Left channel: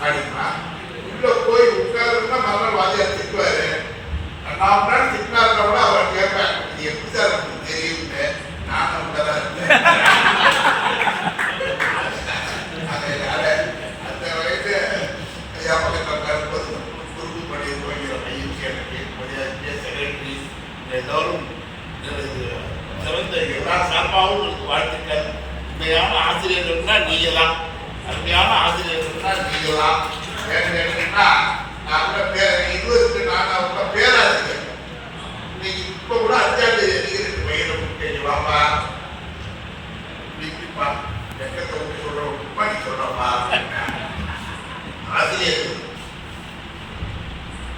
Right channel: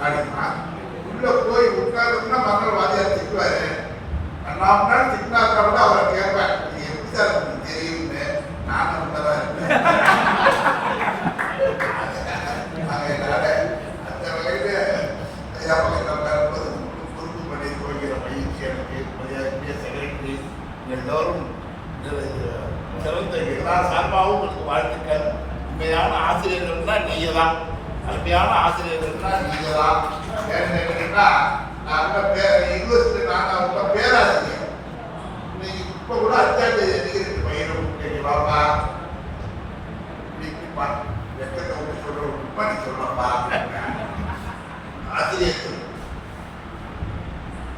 அப்படின்னா உள்ள போய் உட்காருன்னா மறுநாள் வாத்தியார் திட்டுவாரு. நான் அருமையான ஆசிரியர்கள்னா நீங்க தான் அருமையான ஆசிரியர்கள்னா நீங்க தான் ஏன்னு கேட்டீங்கன்னா நான் கூட இருபத்தி நான் கூட பேராசிரியர். கூட அஞ்சாம் தேதி அதிகரித்து பையனும் கேட்டுவாப்பா நீப்பா எக்கத்தை ஒன்று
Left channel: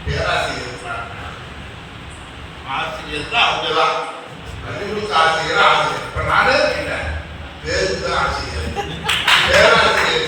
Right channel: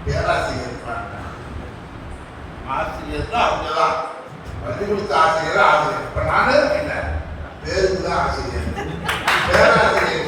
பேராசிரியர் இருக்கிறாங்க ஆசிரியர் தான் அவங்க பள்ளிக்கூடத்து ஆசிரியர் ஆசிரியர். இப்போ பேருக்கு தான் ஆசிரியர் பேராசிரியர்.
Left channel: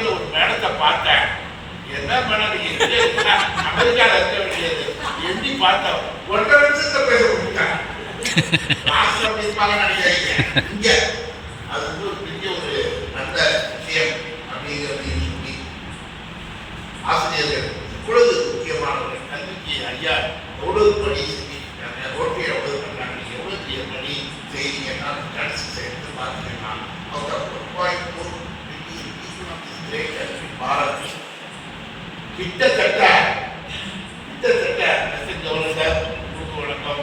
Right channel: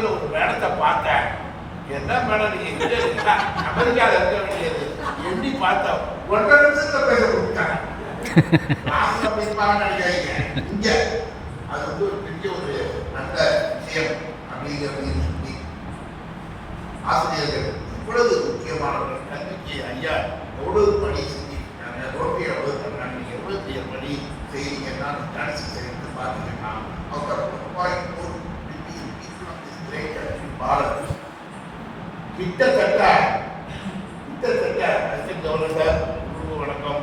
வாழ்க்கையில் ஒரு மேடத்தை பார்த்தேன். என்ன மேடம் நீ எங்கே இருக்கா அமெரிக்காவில் இருக்க வேண்டியது. எண்ணி பார்த்தேன். ஒன்றரை லட்சத்தை பேச கொடுத்தாங்க இங்க. அது வந்து ஒரு பெரிய ஒரு நல்ல விஷயம் அப்படிங்கிறது சொல்லி ஆசிரியர்கள் இவ்வளவு முக்கியமானவர்கள். கல்விக்கு ஐயா எவ்வளவு பணி கிட்டத்தட்ட கிட்டத்தட்ட அசிஸ்டன்ட் கவர்னர் வணக்கம்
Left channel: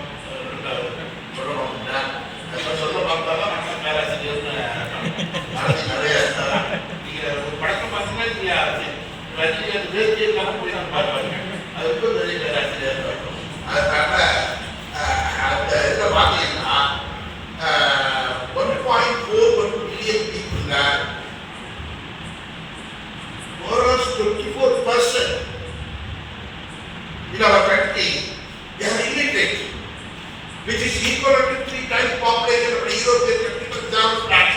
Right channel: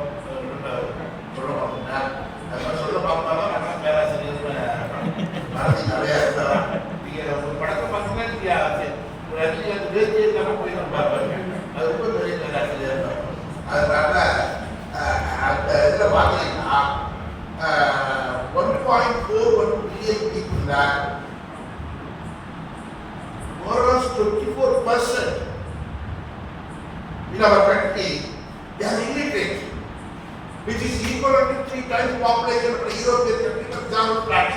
சொல்ல மாட்டோம்னா சொல்ல பார்த்தாலும் ஒரு பழக்கம் போய் நம்ம பார்ப்பாங்க அது ரொம்ப இருக்கும் அதனால அந்த இதில் பார்த்தீங்கன்னா one point four one billion people தான் twenty four percent in our country, they are immigrated, which is equivalent to three times the population of the European country, for example, France.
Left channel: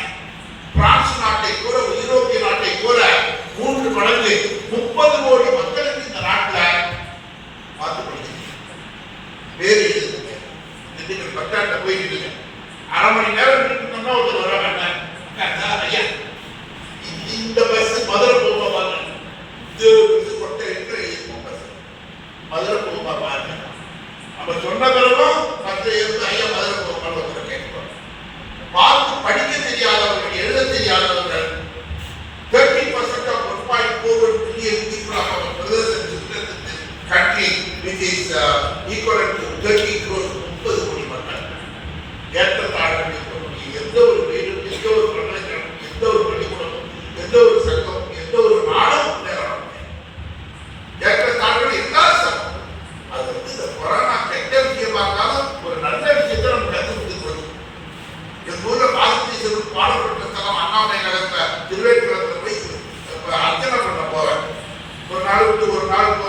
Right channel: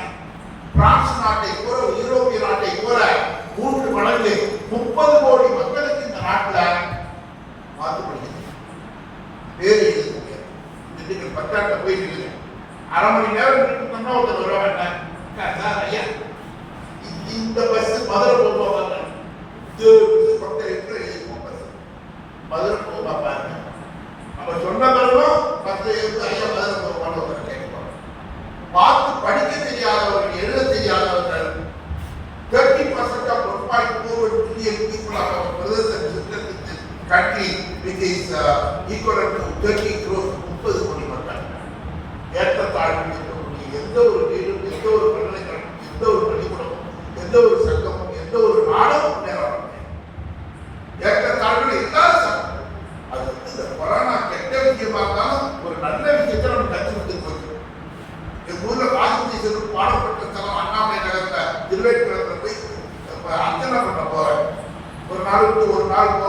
Is equal to thirty crores முப்பது கோடி மக்கள். ஏற்றத்தாழ்வு இருக்கக்கூடிய எந்த ஒரு வீடும் எந்த ஒரு பல்கலைக்கழகம் எந்த ஒரு பள்ளிக்கூடமும் எந்த ஒரு சங்கமும் எந்த ஒரு நாடும் முன்னேறணும் ஏற்றத்தாழ்வு எல்லா சங்கம் அது வந்து இந்த கொரோனா கெட்ட விஷயமா இருந்தாலும் ஒரு நல்ல விஷயத்தை நம்ம கற்றுக்கிட்டு எங்கள் ஊரில் பாசிட்டிவ் பாடப்பட்ட ஸ்தலம் அண்ணாமலை நகரத்தை திருவேற்குளத்தில் போய் அர்ச்சனை பண்ண போவேன் ஒரு நாளுக்கு ஒரு நாள்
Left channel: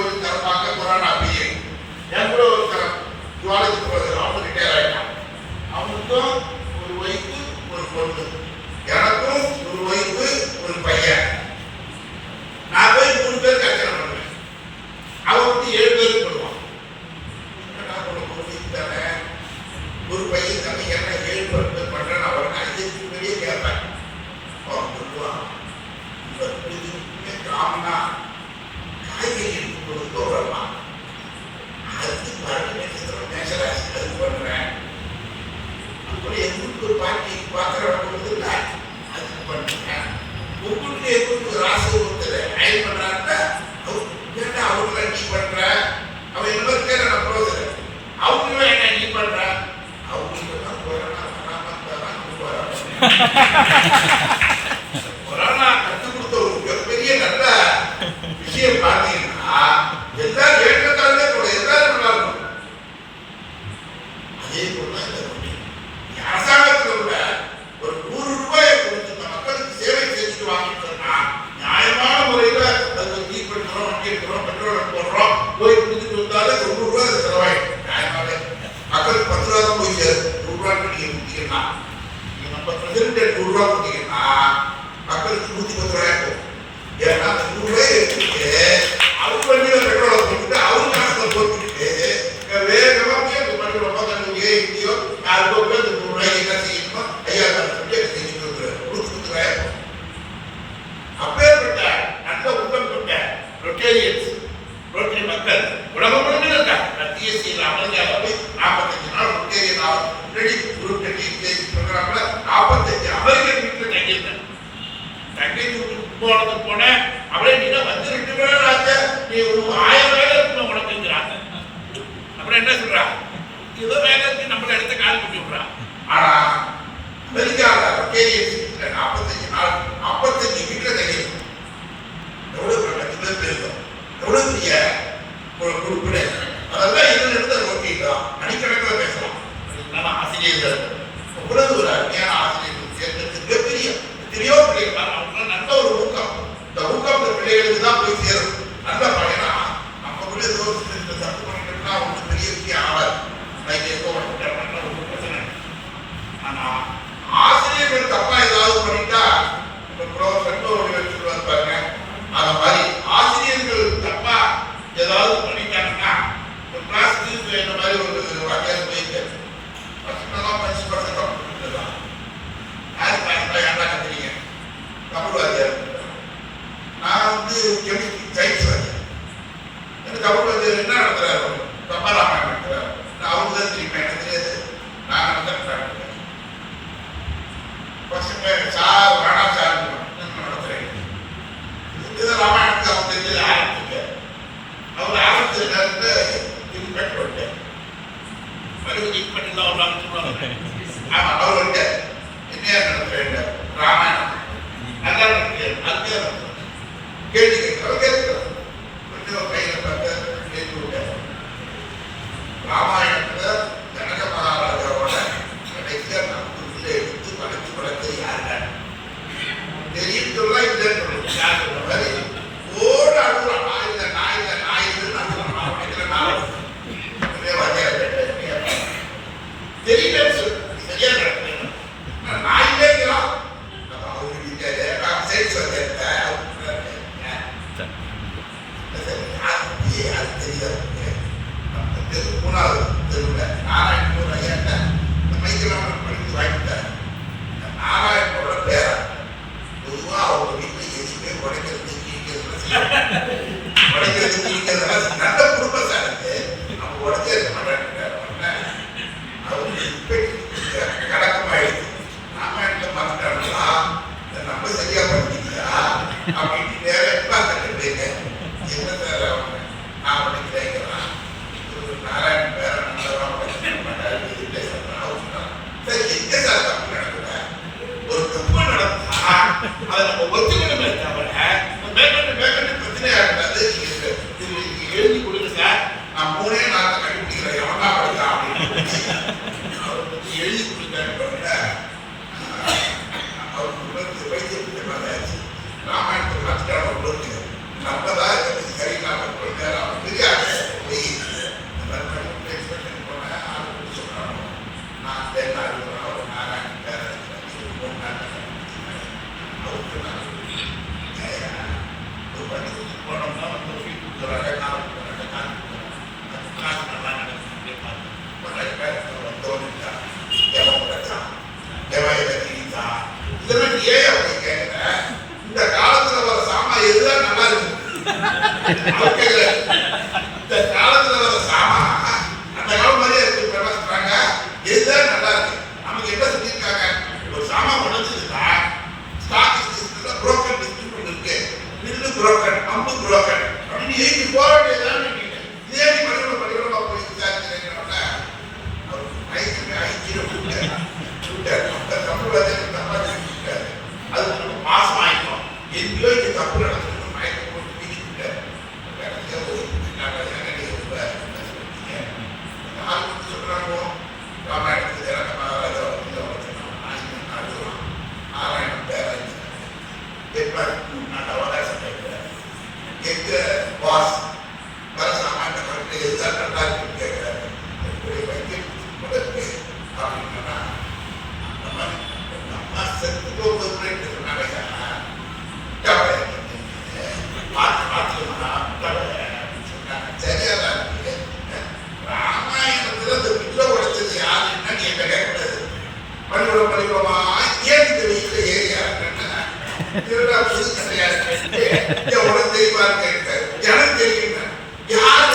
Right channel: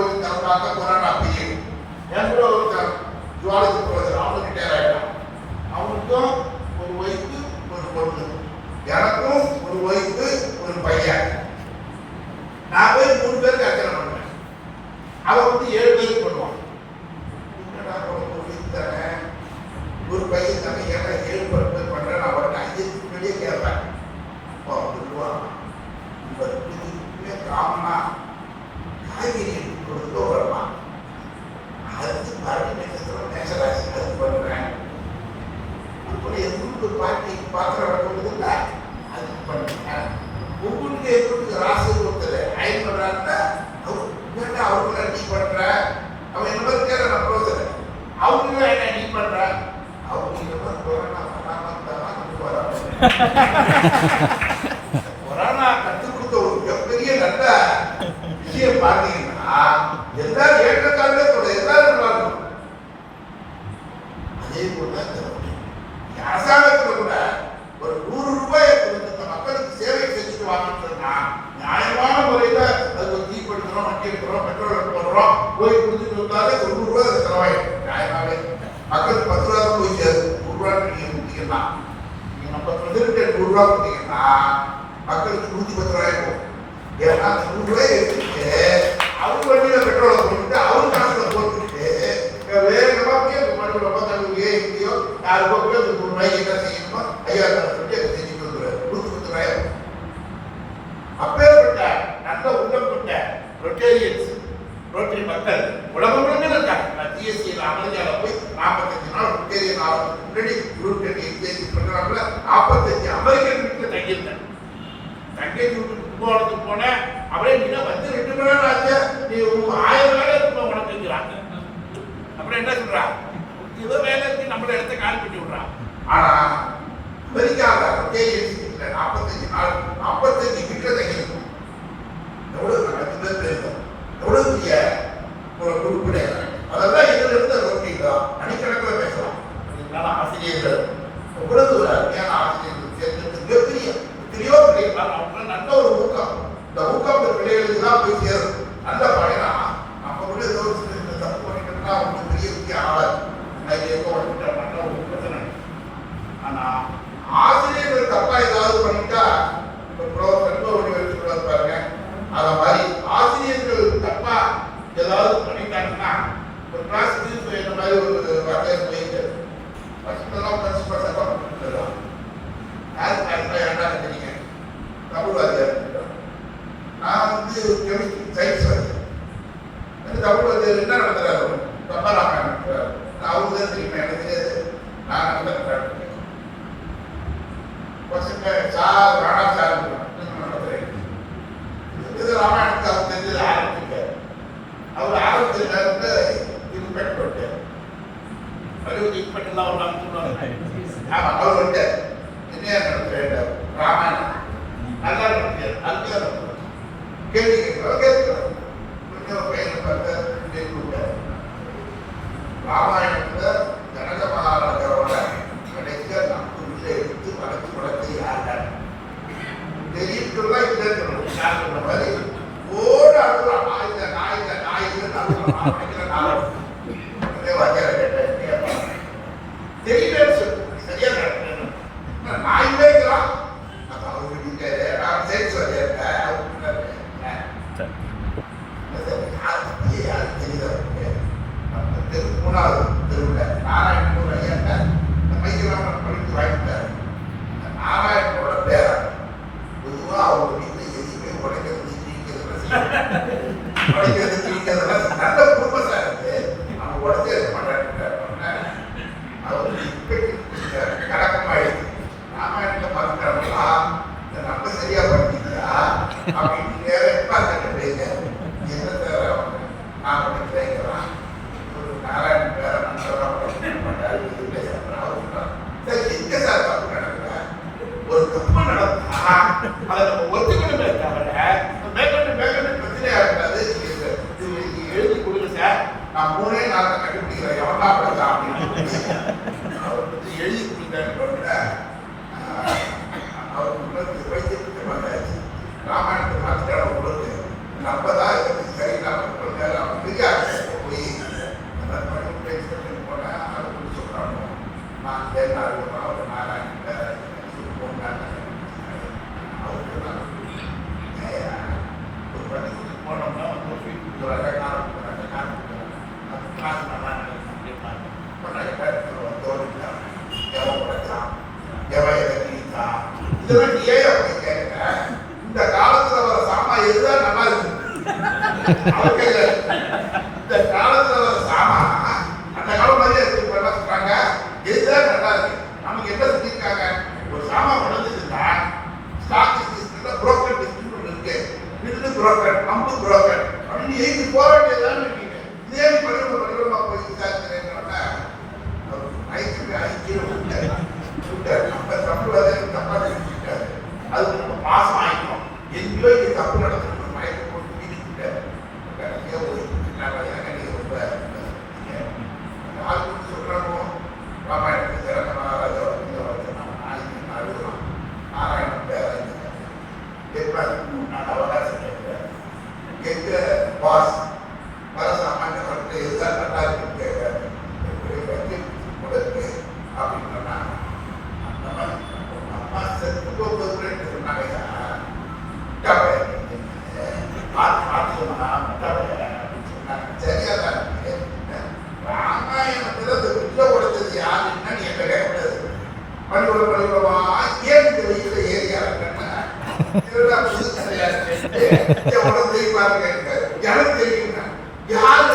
எட்டியோ நாலு கோப்பி அந்த மூணு ரூபாய்க்கு என்ன செய்யணுமோ ஐயா தான் சொல்லி எனக்கு செஞ்சு கொடுக்குறாரு கொடுத்து கொடுக்குறாரு அப்பேற்பட்ட நல்ல உள்ளம் கொண்ட ரொட்டேரியன்ஸ் ரொட்டரி மக்கள் உலகம் முழுமையில் இருக்காங்க நான் சிஎஸ்சியில் அமெரிக்காவில் போய் நாற்பத்தஞ்சு நாள் ரொட்டேரியன் ஆகிறதுக்கு முன்னாடி குருட்டை எங்கேஜ் சொல்கிறாங்கள நாற்பத்தஞ்சு அமெரிக்கன் வீட்டில் தங்கியிருந்தேன் தங்கி வீட்டுக்கு போனதுக்கு போனேன் அப்படியே நீங்கள் வந்து ரெண்டு மணி நேரம் ஆச்சு நீ ஆயிரம் வேலை இருக்கணும் உனக்குங்கிறாங்க அப்புறம் என்ன சொல்கிறாங்க இவ்வளோ வேகத்தை நம்மள இடத்த காலி பண்ணி விடுறான். ஆனா அமெரிக்காவில் நாற்பத்தஞ்சு நாள் நாற்பத்தஞ்சு மீட்டர் தங்கியிருக்கும் எவ்வளோ கட்டத்தில் பேருந்தோம் எவ்வளோ குறிப்பிட ஆமா அவர் வந்துட்டார் Thank you. okay, பள்ளிக்கூடம் பள்ளிக்கூடமா ஏன் இந்த வெயில ஏரியா திருவிழா தெரியுமா இருக்க எனக்கு தெரியும் யார்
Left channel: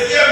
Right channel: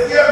If you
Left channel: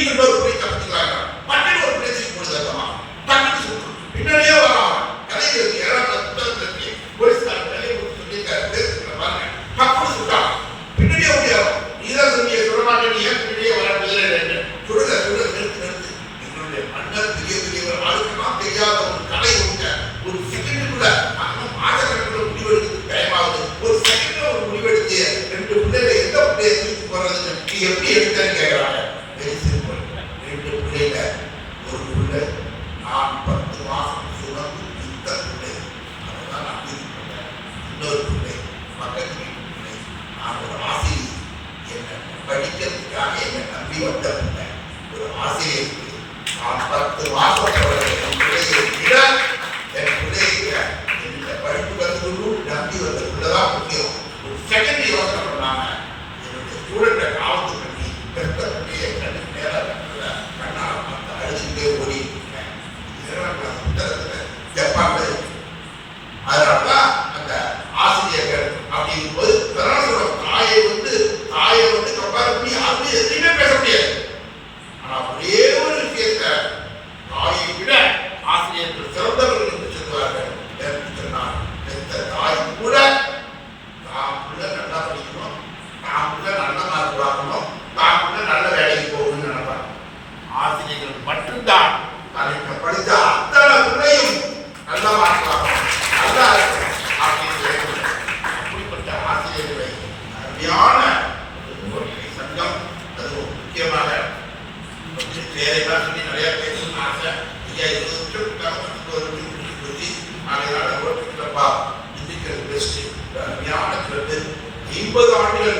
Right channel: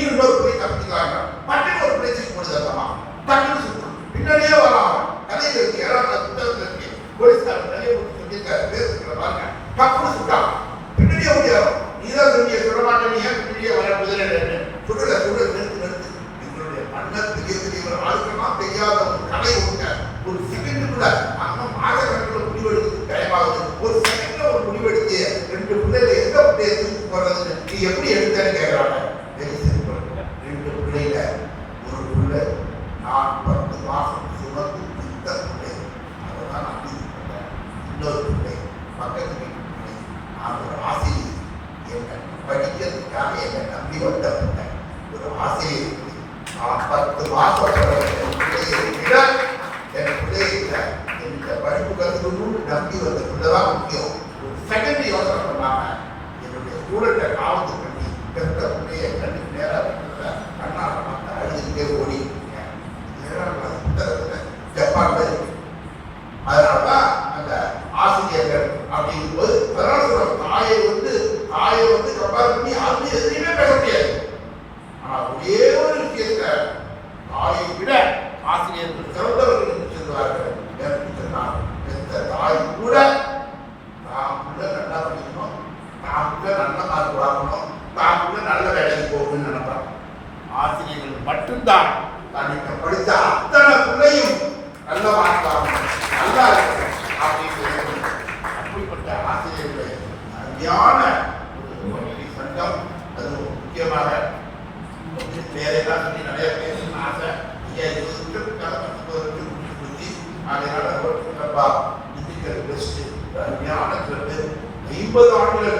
வீட்டுக்கு அதனாலதான் அந்த ஆசிரியர்கள் அப்படிங்கும் போது உறுதியான சங்கம். அது முக்கியமாக வேலைதான் சொல்லி நிறைய பேசணும்னு ஆசை ஐயா இருபது வருஷம் கடந்து வருஷம் சொல்லி அதனால ஓட்டு அருமையான ஐம்பது ஆண்டுகள்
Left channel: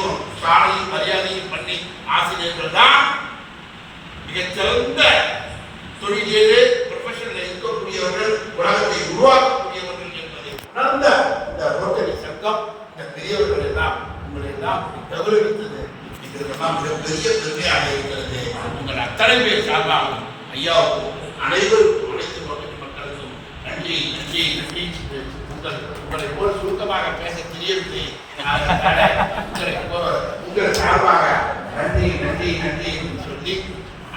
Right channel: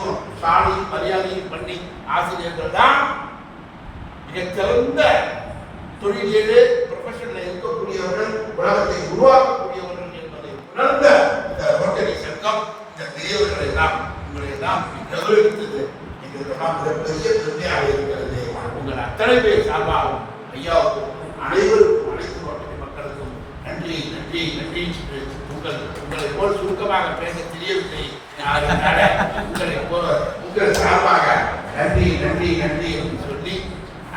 மதியும் சாலையும் மரியாதையும் பண்ணி ஆசிரியர்கள் தான் மிகச்சிறந்த தொழிலியலே ப்ரொஃபஷனில் இருக்கக்கூடியவர்கள் உலகத்தை உருவாக்கக்கூடியவர்கள் என்பதை உணர்ந்த இந்த ரோட்டரி சங்கம் இந்த பெரியவர்களை எல்லாம் உங்களை எல்லாம் கௌரவித்தது. எங்களுக்கெல்லாம் மிகப்பெரிய பெருமையாக இருக்கிறது. உங்கள் அத்தனை பேர் சார்பாகவும் ஐயாவுக்கும் அனைவருக்கும் அனைத்து நோட்டு மக்களுக்கும் நன்றி நன்றி நன்றி உங்கள் உங்களை போல் சுருக்கமாக பேச தெரியவில்லை. அதனால உங்கள் சார்பாக நன்றி நன்றி நன்றி என்று சொல்லி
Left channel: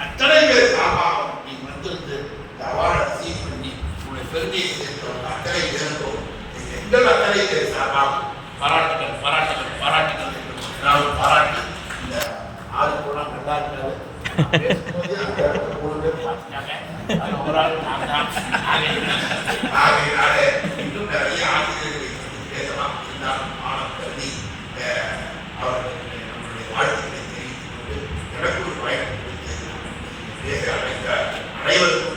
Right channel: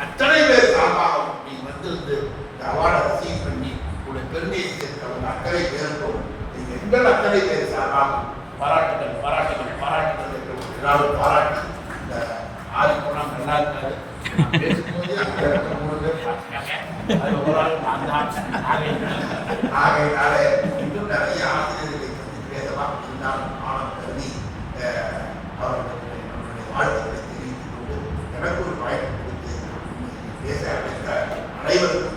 அத்தனை பேர் சார்பாகவும் நீ வந்திருந்து இந்த அவார்டை ரிசீவ் பண்ணி உங்களுடைய பெருமையை சேர்த்தவங்க அத்தனை பேருக்கும் எங்கள் அத்தனை பேர் சார்பாகவும் பாராட்டுகள் பாராட்டுகள் பாராட்டுகள் எல்லாரும் பாராட்டி இந்த ஆறு கூட நல்லா இருக்கிறது அனைவருக்கும்